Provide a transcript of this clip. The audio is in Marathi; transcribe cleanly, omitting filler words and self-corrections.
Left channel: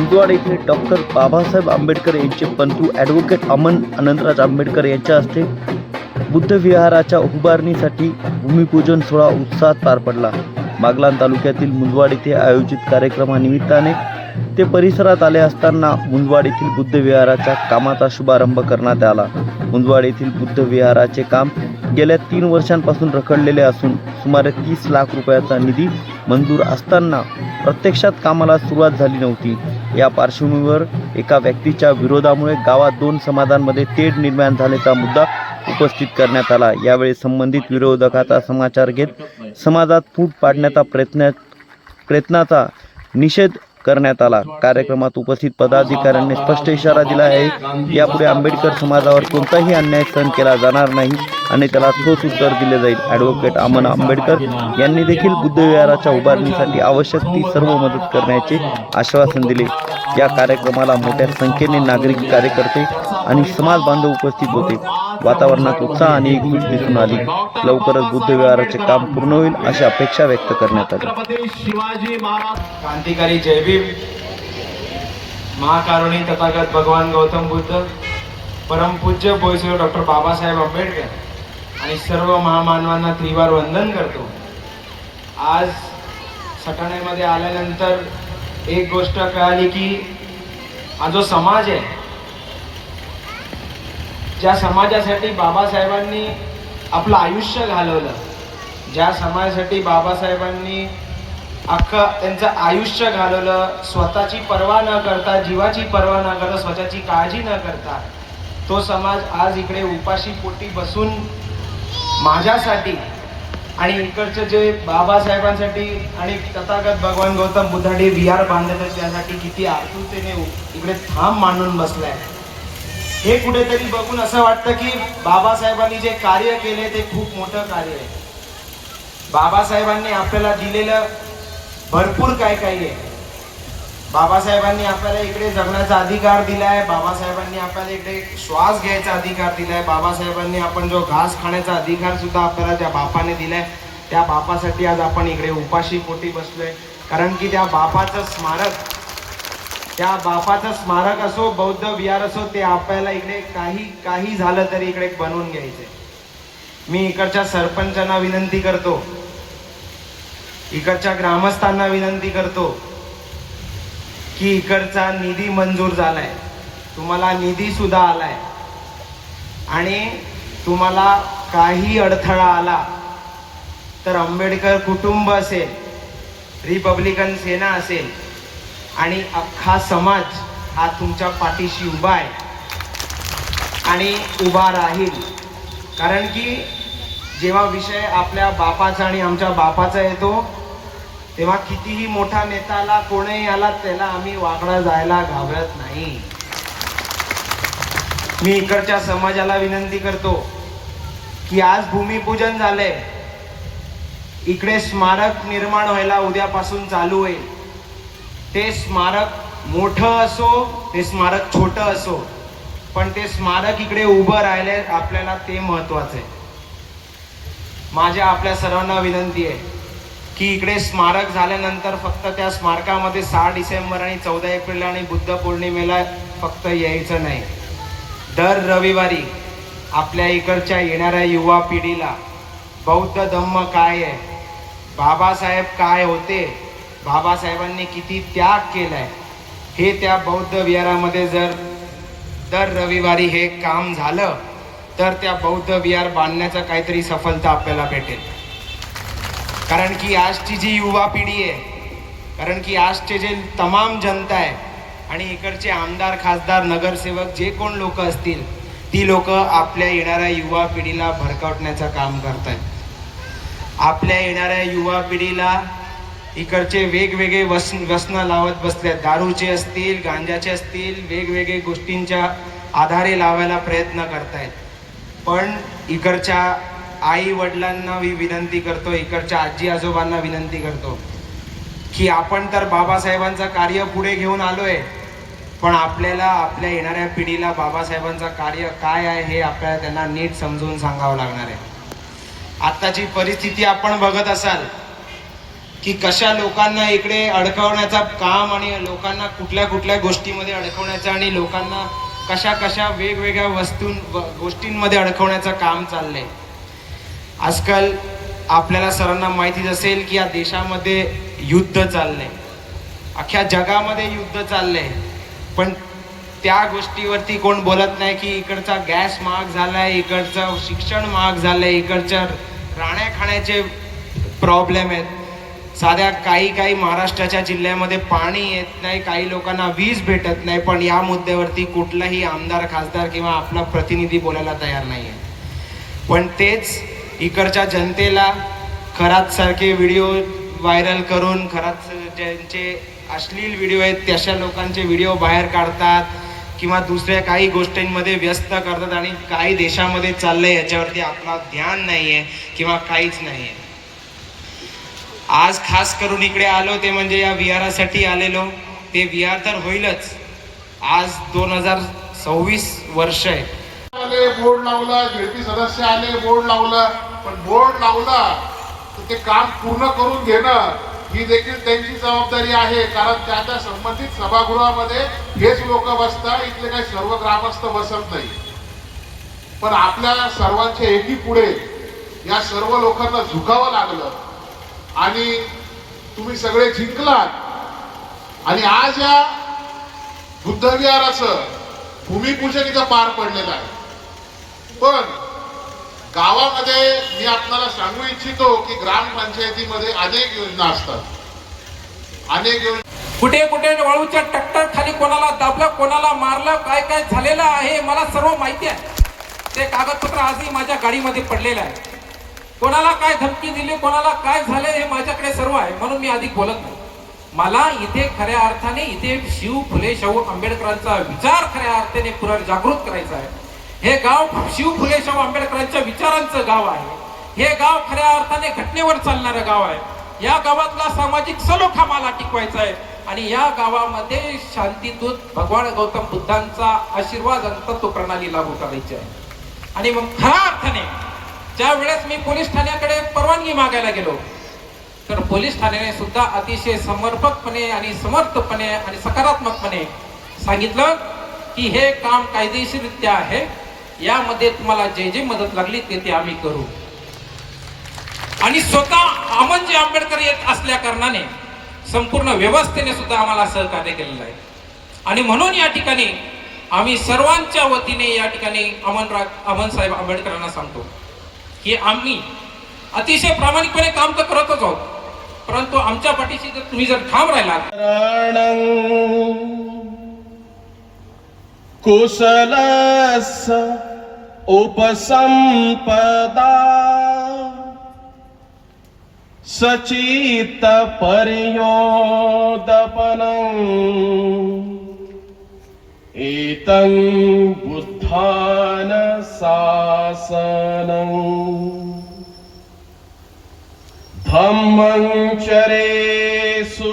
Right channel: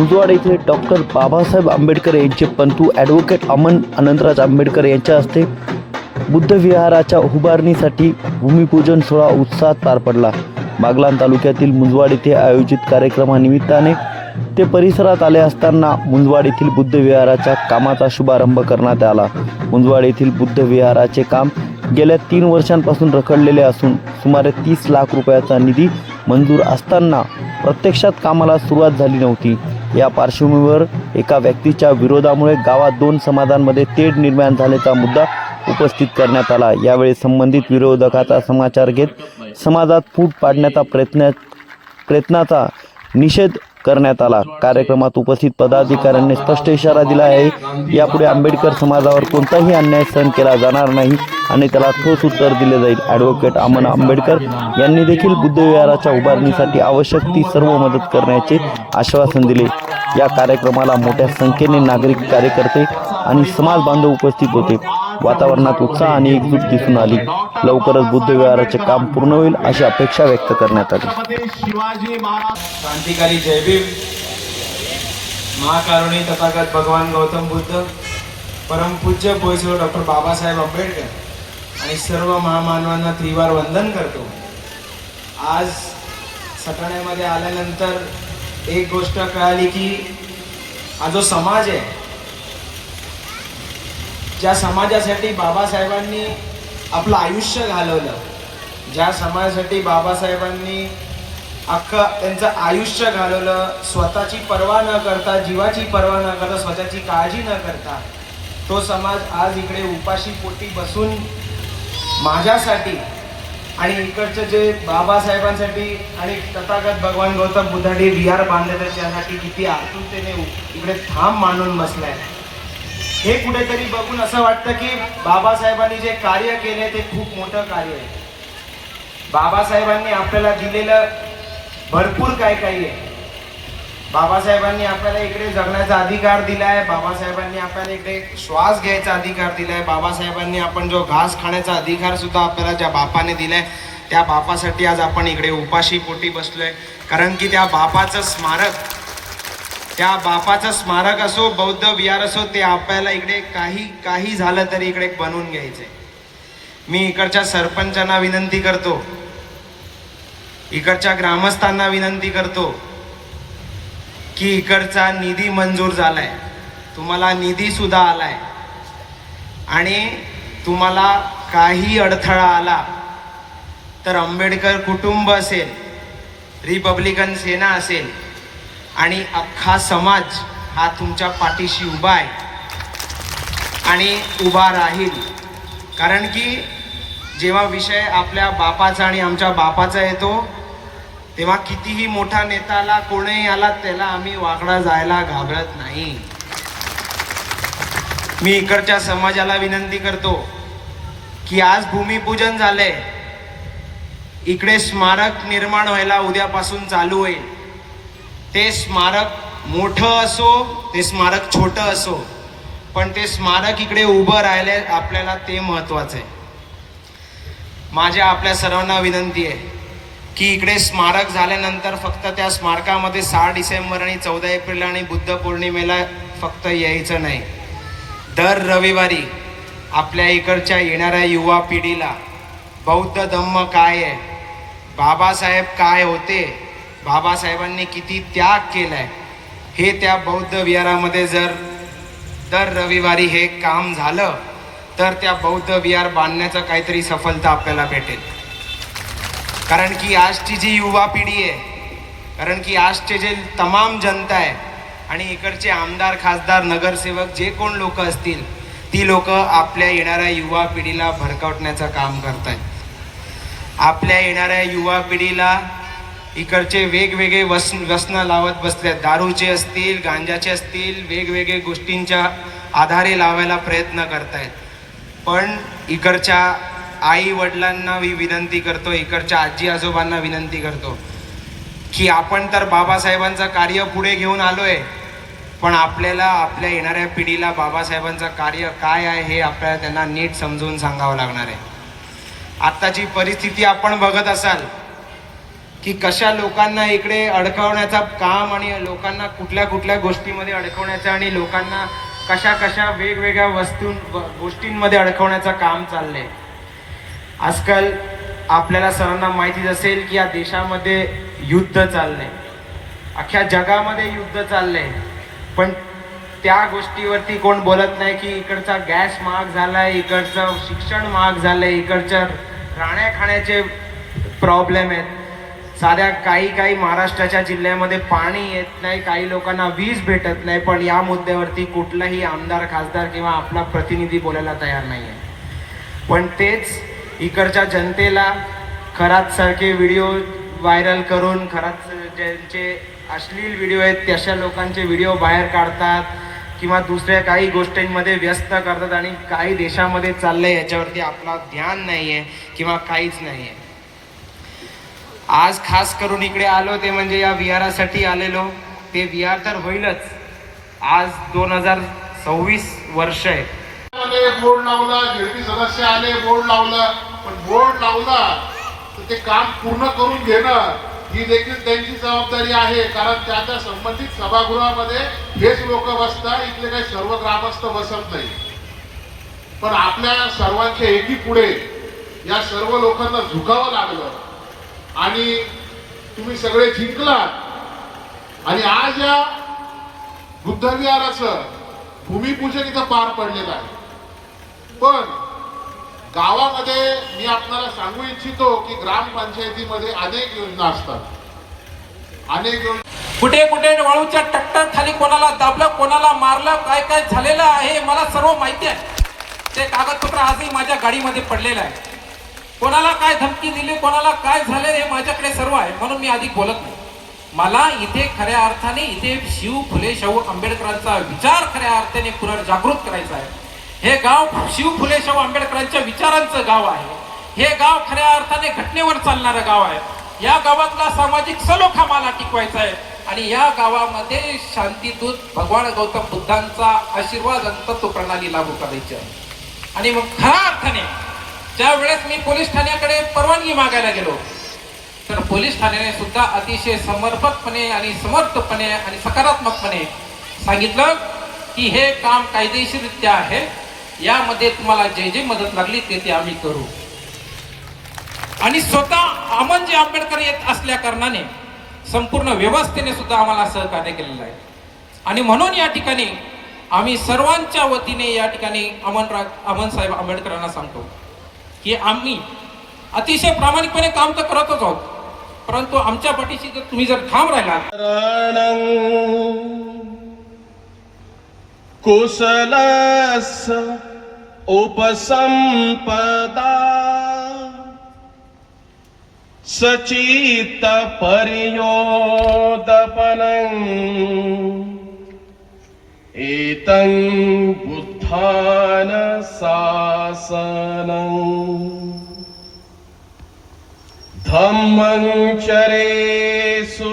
मुंदवाड येथे डॉक्टर बाबासाहेब आंबेडकर यांचे पंतू ॲडव्होकेट अमन अनंतराज आंबेडकर यांच्या हस्ते बुद्ध विहाराच्या उभारणीसाठी भूमिपूजन सोहळा उत्साहात पार पडला। बागलाण तालुक्यातील मुंदवाड येथे आयोजित कार्यक्रमानिमित्ताने ते परिसरात आले असताना मुंदवाड येथील बुद्ध विहाराच्या कामाचा शुभारंभ करण्यात आला। मुंदवाड येथील बुद्ध विहाराचे काम गेल्या 3 वर्षांपासून रखडलेले असून सुमारे 30 लाख रुपयाचा निधी मंजूर असताना प्रत्यक्षात कामाला सुरुवात झाली नव्हती। या पार्श्वभूमीवर एका व्यक्तीच्या विरोधामुळे गावात 2 समाजांमध्ये तेढ निर्माण झाल्याचा मुद्दा उपस्थित करण्यात आला। यावेळी संबंधित विरोधकाचा समाचार घेत समाजात फूट पाडण्याचा प्रयत्नाचा निषेध करण्यात आला। कार्यक्रमात उपस्थित पदाधिकाऱ्यांनी स्पष्ट इशारा दिला आहे, यापुढे आंबेडकर समाजावर कोणताही अन्याय सहन केला जाणार नाही आणि त्याला ठोस उत्तर दिले जाईल। ॲडव्होकेट अमन आंबेडकर यांनी देखील बुद्ध विहाराच्या उभारणीसाठी आवश्यक ती सर्व मदत करण्याचे आश्वासन दिले। या कार्यक्रमाला मोठ्या संख्येने नागरिक, कार्यकर्ते आणि समाज बांधव उपस्थित होते। वातावरणात उत्साह आणि एकजूट दिसून आली। लवकरच बुद्ध विहाराचे काम पूर्ण होईल अशी अपेक्षा व्यक्त करण्यात आली। क्रांतिकारी जय भीम, महाकारुणी तथागत भगवान गौतम बुद्ध, परमपूज्य बोईसर डॉक्टर बाबासाहेब आंबेडकर आणि सर्व महामानवांना त्रिवार वंदन करतो। आज सटाण्यामध्ये आल्यानंतर एक गोष्ट कळाली की हा जो समाज आहे, ज्या समाजासाठी बाबासाहेबांनी आपलं आयुष्य घालवलं, ज्या समाजासाठी बाबासाहेबांनी अख्खं त्यांचं आयुष्य घालवलं, स्वतःची पर्वा न करता, जीवाची पर्वा न करता, स्वतःची काळजी न करता, तो समाज आज इकडे उपाशी पोटी बसून माझ्यासाठी आणि इकडचं जे बाबासाहेबांसाठी आणि तथागत भगवान गौतम बुद्धांनी विहार बांधलेलं त्यासाठी किती आतुरतेने इकडे थांब मांडून बसलाय। हे कुठेतरी बघून असं वाटतं की बाबासाहेबांनी जे कार्य केले ते खूप मोठं कार्य आहे। बाबासाहेबांनी आपल्याला दिलेलं भरपूर काय आहे। बाबासाहेबांनी आपल्याला इकडे जगण्याचा अधिकार दिलाय, बाबासाहेबांनी आपल्याला इकडे श्वास घ्यायचा अधिकार दिलाय, बाबासाहेबांनी आपण जो घास खाण्याचा अधिकार सुद्धा आपल्याला ज्या बापाने दिलाय, त्या बापासाठी आज आपण इकडे उपाशी पोटी बसलोय। कारण की त्या बापाचं स्मारक असो, बौद्ध विहार असो, ते आपल्याला इकडे काही झालं तरी इकडे बनवून घ्यायचंय। मी इकडच्या सरपंचांना विनंती करतो, इकडच्या ग्रामस्थांना विनंती करतो की इकडचा निधी मंजूर झालाय, तुम्हाला निधी सुद्धा आलाय आणि तुम्हाला काही अडथळा आला तर आंबेडकर कुटुंब असेल, रिपब्लिकन सेना असेल आणि अख्खा समाज हा तुमच्या पाठीशी उभा आहे आणि उभा राहील। कारण की जेव्हा विषय आपल्या बापाचा आणि आमच्या बापाचा येतो, तेव्हा कितीही मोठा नेता आला, कोणीही आला, त्याला आम्ही वाकडा जायला घाबरत नाही। मी इकडच्या समाजाला विनंती करतो की आज भूमिपूजन झालंय, इकडे स्मारक निर्माण व्हायला उद्यापासून चालू होईल। ते स्मारक मोठं असो, ते स्मारक छोटं असो, पण ते स्मारक इकडे उभं राहिले आपल्याला ते महत्वाचं आहे। माझ्या आपल्या सर्वांना विनंती आहे की इकडे स्मारक झाल्यानंतर फक्त त्या स्मारकामध्ये 6 डिसेंबर आणि 14 एप्रिल आणि बुद्ध पौर्णिमेला फक्त यायचं नाही। दर रविवारी आपल्या इकडच्या येणाऱ्या युवा पिढीला बौद्ध धम्म काय आहे, बाबासाहेब काय होते, बाबासाहेबांनी किती त्याग केलाय, हे त्या बौद्ध विहारामध्ये जर दर रविवारी हे काम झालं तर त्या बौद्ध विहार बांधण्याचा काहीतरी सफलता आपल्याला भेटेल। कारण की आजची जी युवा पिढी आहे, कारण की आजचे जे तमाम जनता आहे आणि इकडचे आमदार, खासदार, नगरसेवक जे कोण लोक असतील, ती लोक आपल्या येणाऱ्या युवा पिढीला भडकावण्याचं काम करतायत। आपल्या येणाऱ्या युवा पिढीला इकडचे वेगवेगळे व्यसनं लावत बसले, दारूचे असतील, गांजाचे असतील, वेगवेगळे गोष्टींच्या आधारे लावायला प्रयत्न करतायत। पण इकडच्या आई वडिलांना मी विनंती करतो, इकडच्या आजी आजोबांना विनंती करतो की आपण तर बाबासाहेबांचं कार्य पुढे घेऊन आलोय, पण आपल्याला आपल्या येणाऱ्या पिढीला बाबासाहेबांचं कार्य काय आहे हे आपल्याला त्यांना नीट समजून सांगावं लागणार आहे। आत्ताची परिस्थिती आपण बघत असाल की कशा लोकांना इकडे अडकवण्याचा काम आणि लोकांना कुठल्या कुठल्या गोष्टीमध्ये अडकवण्याचं आणि लोकांना कशा कशा वेगवेगळ्या गोष्टींमध्ये अडकवण्याचं काम चाललंय. आजकाल आपल्याला सर्वांना माहितीच असेल की या देशामध्ये युद्ध चाललंय, अख्ख्या जगामध्ये युद्ध चाललंय, पण त्या गोष्टीवरती कोण बोलत नाही की इकडचा गॅस महाग झालाय, इकडचं शिक्षण महाग झालंय, इकडच्या राहण्या खाण्याचे प्रॉब्लेम आहेत. साध्या काही महाराष्ट्राच्या जिल्ह्यामध्ये पाणी येत नाही, काही लोकांना वीज भेटत नाही, पण या मुद्द्यावरती कुठलाही आमदार खासदार किंवा आपला प्रतिनिधी बोलायला तयार नाही आहे. पण तेच इकडच्या जनतेला खरात सारखे व्हिडिओ व्हायरल करून खरात ज्यांचे अश्लील व्हिडिओ आहेत तशा लोकांचे व्हिडिओ बाहेर काढतात किंवा दुसऱ्या काही गोष्टींमध्ये व्यस्त करतात आणि काही देशामध्ये चाललंय याच्यावरती आपला ध्यान नाही आहे किंवा काहीच नाही आहे. आज खास करून इकडे आलो ते म्हणजे या विहारासाठी आलेलो. ते विहार तर होईलच. आज 2026 वर्ष आहे. बोर्ड लावला, जेडपी सदस्य आले, बोर्ड लावला, पण बोर्ड लावला तर ते काम पूर्ण करून घेणं ही देखील त्यांची जबाबदारी आहे. कारण त्याच्या संबंधित सभागृहामध्ये हेच लोक बसतात, इथले काही सर्व ग्रामस्थ बसत नाही. पण आपल्या सर्वांच्या एकी पुढे या सर्व लोकांना झुकावं लागलं आणि तुम्ही सगळे जिंकलात आणि आज या बुद्धविहाराचं भूमिपूजन इथं पार पडलेलं आहे. पण गावामध्ये मी आपल्याला सांगू इच्छितो की ग्रामपंचायतीमध्ये अनेक योजना असतात, अनेक योजना. कुठे कुठे वाळूच्या टक्कर खाली कोणाला दाबलं, कोणाला मारलं, काय काय झालेलं आहे मला सर्व माहिती आहे. ते कागदपत्र आजही माझ्या गाडीमध्ये पडलेलं आहे. कोणाला काय धमकी दिली, कोणाला काय झाले हे माझ्याकडे सर्व आहे, म्हणून मी अधिक बोलत नाही. मला इथे खऱ्या अर्थाने इथे शिव फुले शाहू आंबेडकरांचा विचार खऱ्या अर्थाने पुनर्जागृत करायचा आहे. हे गाव शिव फुले शाहू आंबेडकरांच्या विचारांचं गाव आहे. हे गाव खऱ्या अर्थाने घटनेवर चालणारं गाव आहे. या गावातला सामाजिक सलोखा मला टिकवायचा आहे आणि या गावामध्ये शांतीदूत भगवान गौतम बुद्धांचा आशीर्वाद आणि तत्व प्रणाली लागू करायची आहे. आणि मग खऱ्या अर्थाने ज्या वेळेस मी पोलीस ठाण्याकडे परवानगी मागायला गेलो तर पोलीस ठाण्याने सुद्धा अतिशय समर्पकपणे आणि समर्थपणे आणि सकारात्मकपणे सांगितलं की हे काम कायदेशीररित्या आहे, यामध्ये तुम्हाला जे जे मदत लागली ते आम्ही करू. आणि स्वतः अमनजी आंबेडकर येत असल्या कारणाने संपूर्ण व्यवस्थेने सुद्धा आम्हाला सहकार्य केलेलं आहे. आणि म्हणून या ठिकाणी आम्ही सर्वांच्या वतीने या ठिकाणी अमन साहेब आंबेडकरांना सांगतो की आम्ही अतिशय प्रामाणिकपणे काम तर करतच आहोत, परंतु आमच्या पाठीशी जर तुम्ही जर ठाम राहिलात. कुशलस उपसंपदा सचित पर्योदपनं एतं बुद्धान शासनं धम्मं चरेषु